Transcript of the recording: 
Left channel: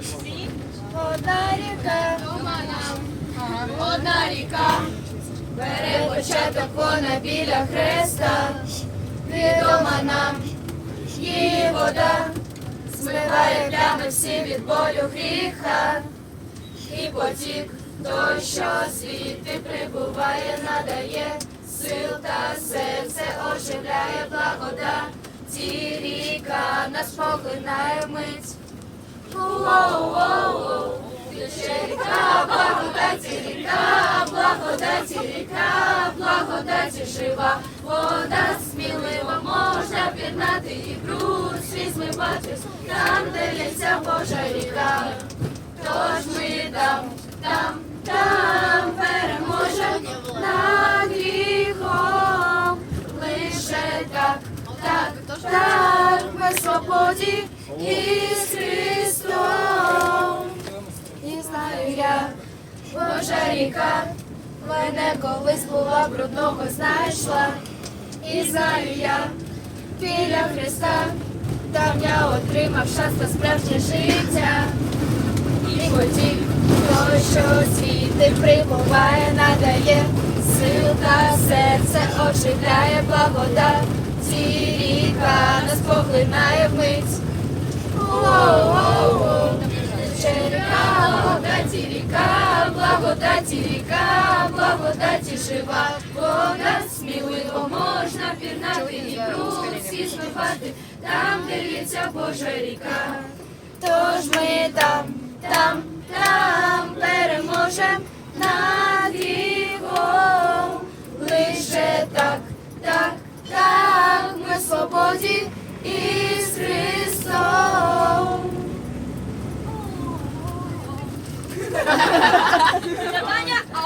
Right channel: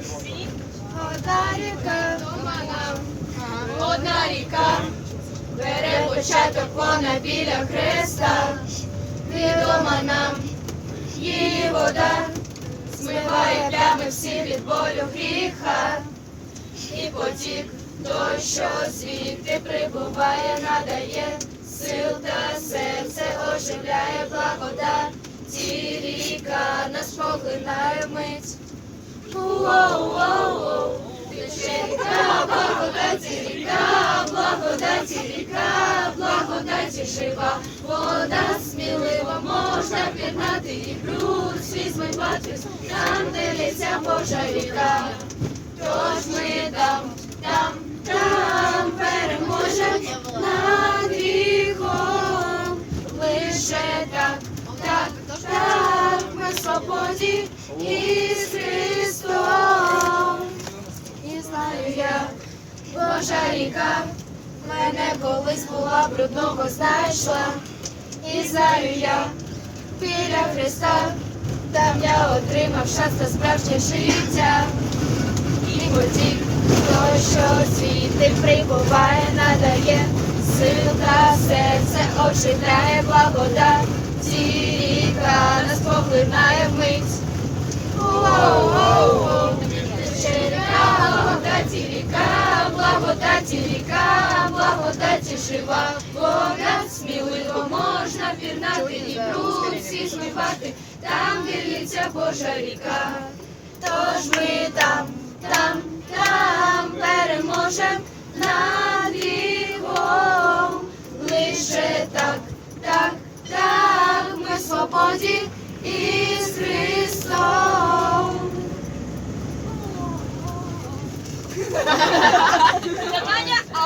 Одна ріка, одна ріка, бере початок вона біля хреста, відома нам її вода, змиває плями всі від болю гріха, і потік той, що звідти прибуває, надає сил та серце оживляє благодать, ці ріка нас поглинає вмить. Тече ріка, благодаті ріка, благодаті ріка, благодаті жива, вода сміливо можна пірнати і бруд свій змивати, там, де лється Божа ріка. Тож ми там переможем над гріхом, лише так, ми в свободі із Христом. І знаю я, Божа ріка, мене колись була брудного знайшла. І знаю я, біля Христа, там я отримав шанс на справжнє життя. І потік той, що звідти прибуває, надає сил та серце оживляє благодать, ці ріка нас поглинає вмить. Тече ріка, благодаті ріка, благодаті ріка, благодаті жива, вода сміливо можна пірнати і бруд всі змивати, там, де лється Божа ріка. Тож ми там переможем над гріхом, лише так, ми в свободі із Христом.